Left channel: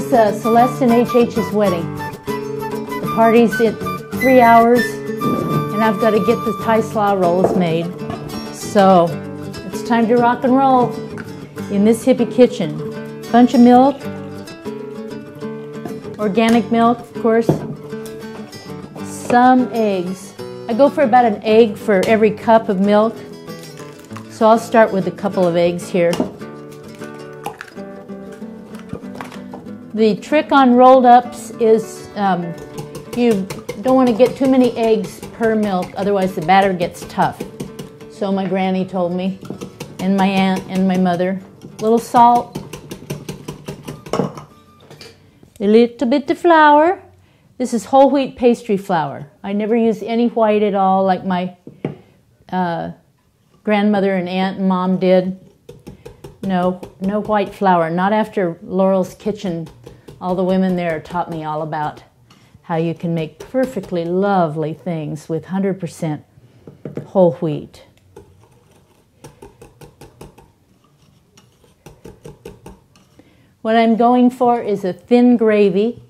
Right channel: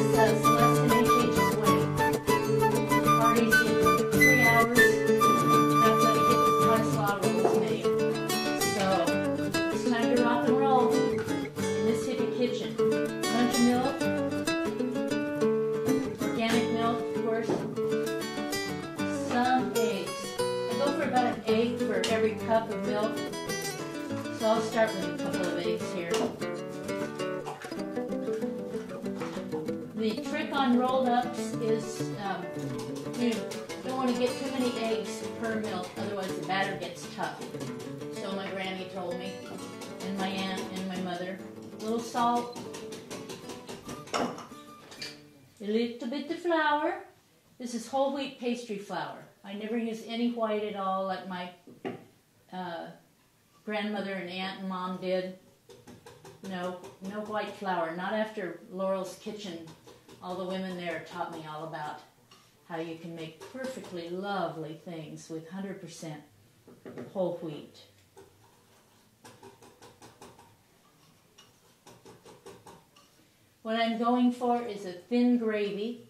is Celeste and HH's wedding. The party's in 3 hours, and I've got to get the Thai Slaw rolls made. So it's time to rock and roll in this hippie kitchen. Bunch of milk, organic milk, of course. Some eggs. I go for about an egg for every cup of milk. So I'll start with a couple of eggs here. The trick on rolled ups is you don't want to get too many eggs per milk, otherwise the batter gets tough. So my granny told me, and my aunt and my mother. A little salt, a little bit of flour. This is whole wheat pastry flour. I never use any white at all like my grandmother and aunt and mom did. No white flour. Not after Laurel's Kitchen. All the women there taught me all about how you can make perfectly lovely things with 100% whole wheat. What I'm going for is a thin gravy.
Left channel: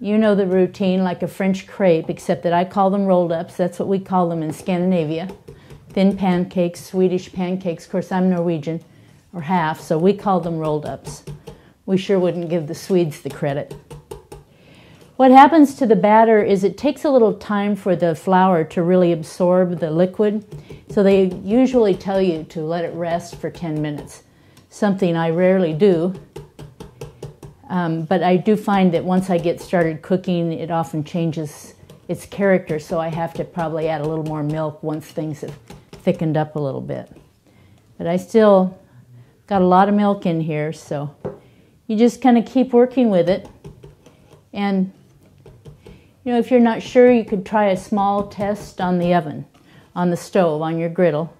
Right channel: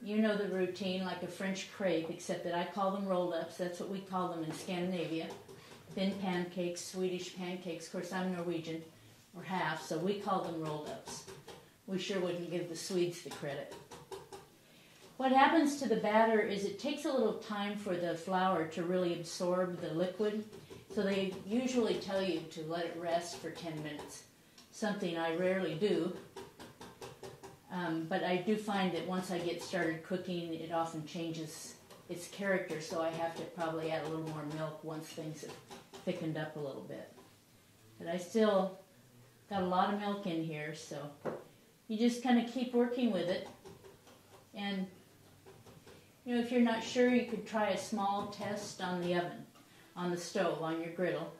You know the routine, like a French crepe, except that I call them rolled ups. That's what we call them in Scandinavia. Thin pancakes, Swedish pancakes. Of course, I'm Norwegian, or half, so we call them rolled ups. We sure wouldn't give the Swedes the credit. What happens to the batter is it takes a little time for the flour to really absorb the liquid. So they usually tell you to let it rest for 10 minutes. Something I rarely do. But I do find that once I get started cooking, it often changes its character. So I have to probably add a little more milk once things have thickened up a little bit. But I still got a lot of milk in here, so you just kind of keep working with it. And you know, if you're not sure, you could try a small test on the oven, on the stove, on your griddle,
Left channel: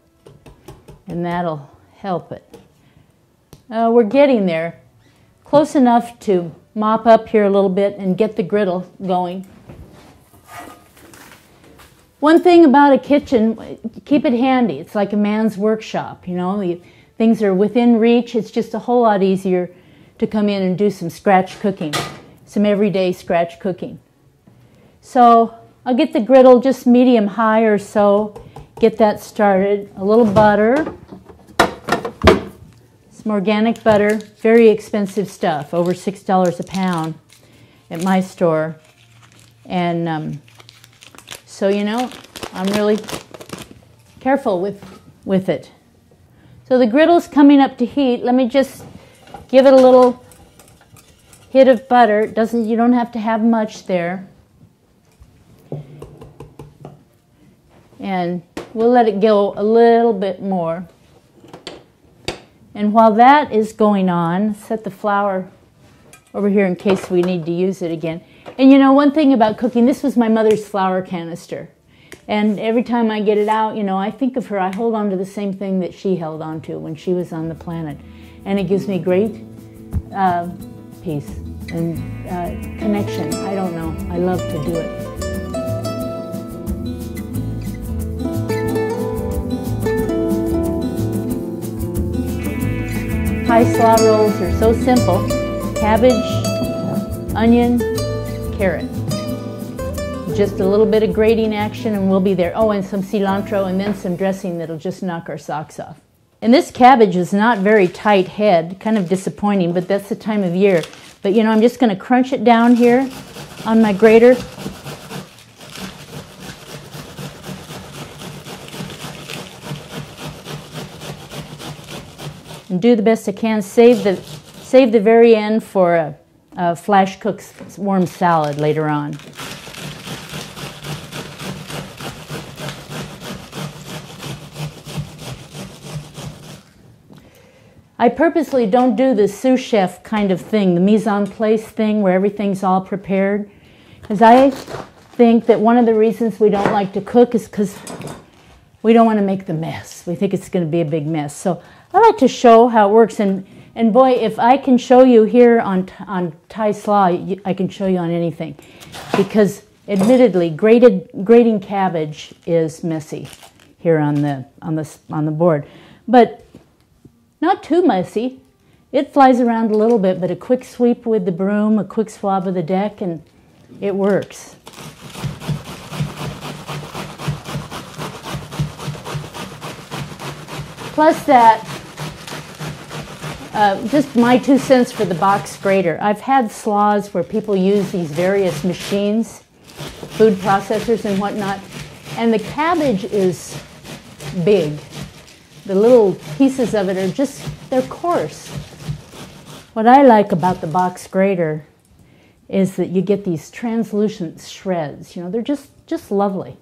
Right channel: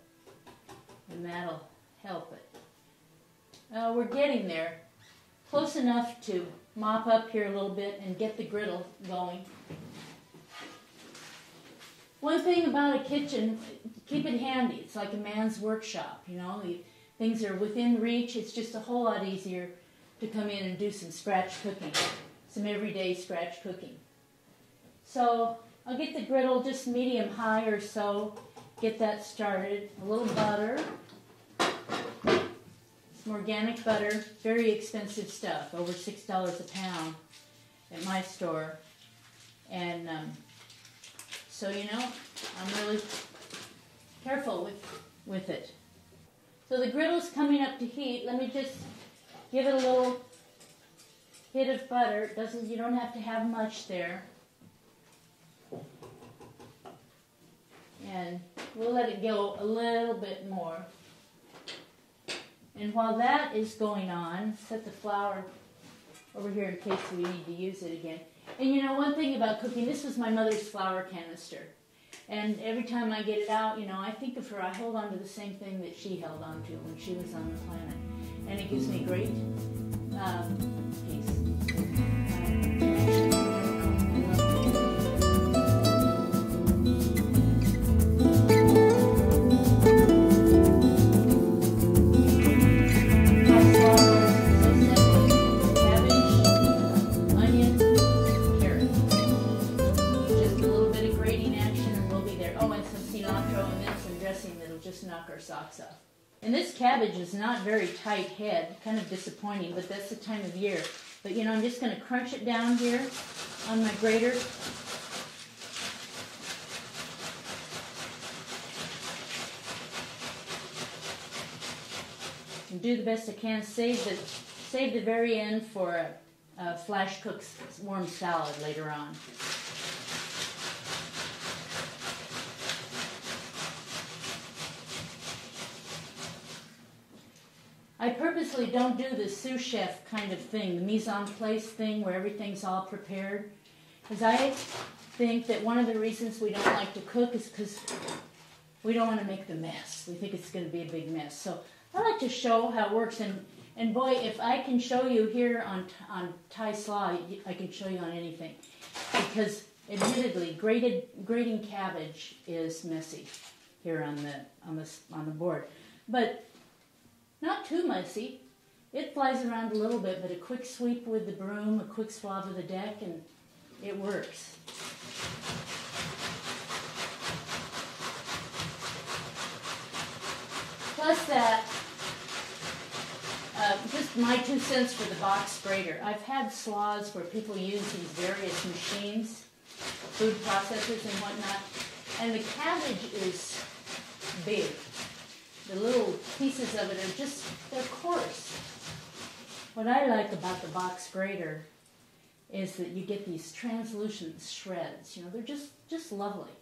and that'll help it. We're getting there. Close enough to mop up here a little bit and get the griddle going. One thing about a kitchen, keep it handy. It's like a man's workshop, you know. Things are within reach. It's just a whole lot easier to come in and do some scratch cooking, some everyday scratch cooking. So I'll get the griddle just medium high or so, get that started. A little butter, some organic butter, very expensive stuff, over $6 a pound at my store. And so, you know, I'm really careful with it. So the griddle's coming up to heat. Let me just give it a little hit of butter. You don't have to have much there. And we'll let it go a little bit more. And while that is going on, set the flour over here in case we need to use it again. And you know, one thing about cooking, this was my mother's flour canister. And every time I get it out, you know, I think of her. I hold on to the same thing that she held on to when she was on the planet. And it gives me great peace and connection. I don't know. I love to do it. Thai Slaw rolls are so simple. Cabbage, onion, carrot. Just a little bit of grating action and we'll be there. Oh, and some cilantro and then some dressing that'll just knock our socks off. And this cabbage is not very tight head, kind of disappointing, but that's the time of year. But you know, I'm just going to crunch it down here on my grater. And do the best I can. Save the very end for a flash cooked warm salad later on. I purposely don't do the sous chef kind of thing, the mise en place thing where everything's all prepared. Because I think that one of the reasons we don't like to cook is because we don't want to make the mess. We think it's going to be a big mess. So I like to show how it works. And boy, if I can show you here on Thai Slaw, I can show you on anything. Because admittedly, grating cabbage is messy here on the board. But not too messy. It flies around a little bit, but a quick sweep with the broom, a quick swab of the deck, and it works. Plus that, just my 2 cents for the box grater. I've had slaws where people use these various machines, food processors and whatnot, and the cabbage is big. The little pieces of it are just, they're coarse. What I like about the box grater is that you get these translucent shreds. You know, they're just lovely.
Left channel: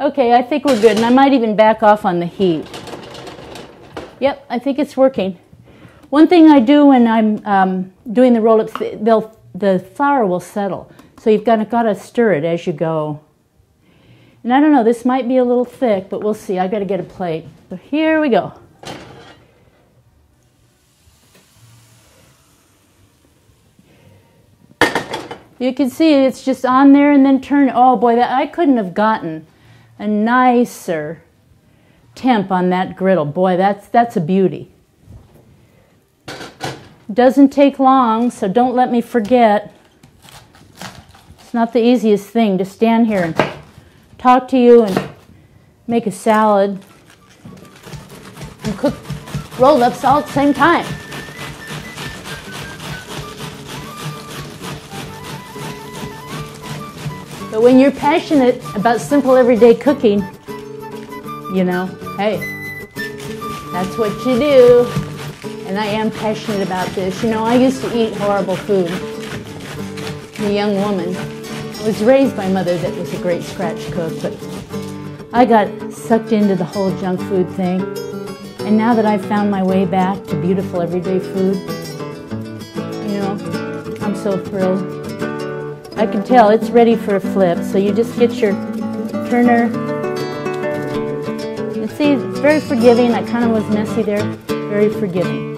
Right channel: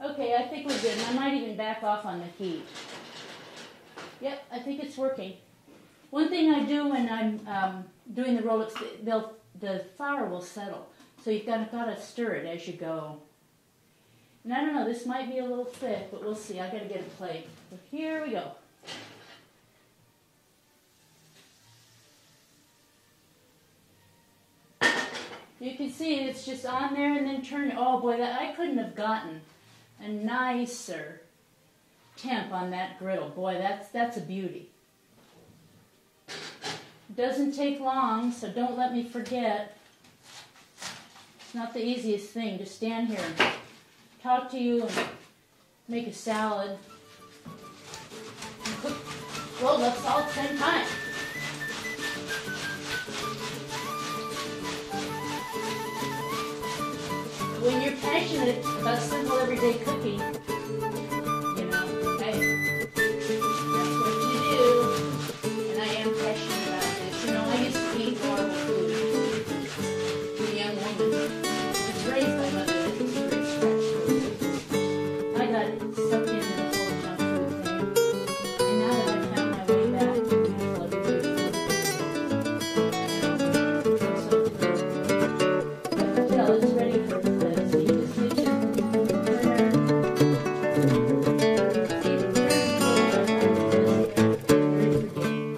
Okay, I think we're good, and I might even back off on the heat. Yep, I think it's working. One thing I do when I'm doing the roll-ups, the flour will settle. So you've got to stir it as you go. And I don't know, this might be a little thick, but we'll see. I've got to get a plate. So here we go. You can see it's just on there and then turn. Oh boy, I couldn't have gotten a nicer temp on that griddle. Boy, that's a beauty. Doesn't take long, so don't let me forget. It's not the easiest thing to stand here and talk to you and make a salad and cook roll-ups all at the same time. But when you're passionate about simple everyday cooking, you know, hey, that's what you do. And I am passionate about this. You know, I used to eat horrible food. I'm a young woman. I was raised by a mother that was a great scratch cook, but I got sucked into the whole junk food thing. And now that I've found my way back to beautiful everyday food, you know, I'm so thrilled. I can tell it's ready for a flip, so you just get your turner. You see, it's very forgiving. I kind of was messy there. Very forgiving.